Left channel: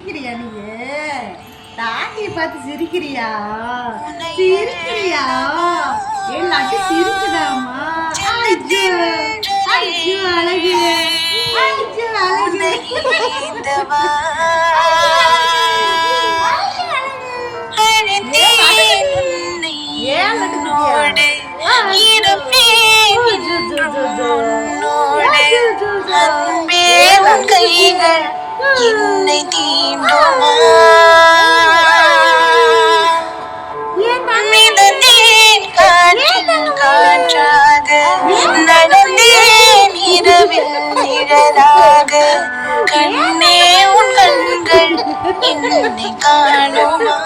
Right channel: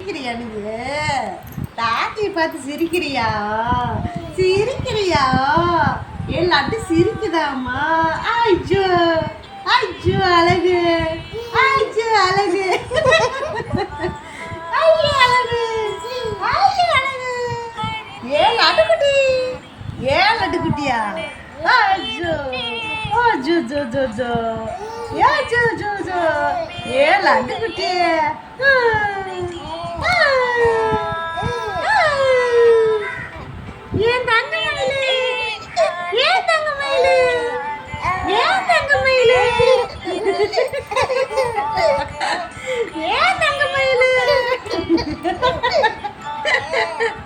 சிரிக்கிறியா நீ? தாத்தியை பார்த்து சிரிக்கிறியா? சிரிக்கிறியா? லட்டு சிரிக்குதாமா? ஐயோ ஐயோ அழகு, ஐயோ அழகு, ஏன் லட்டு குட்டியா? கண்ணே உன் கண்கள் என்னை காணுமா?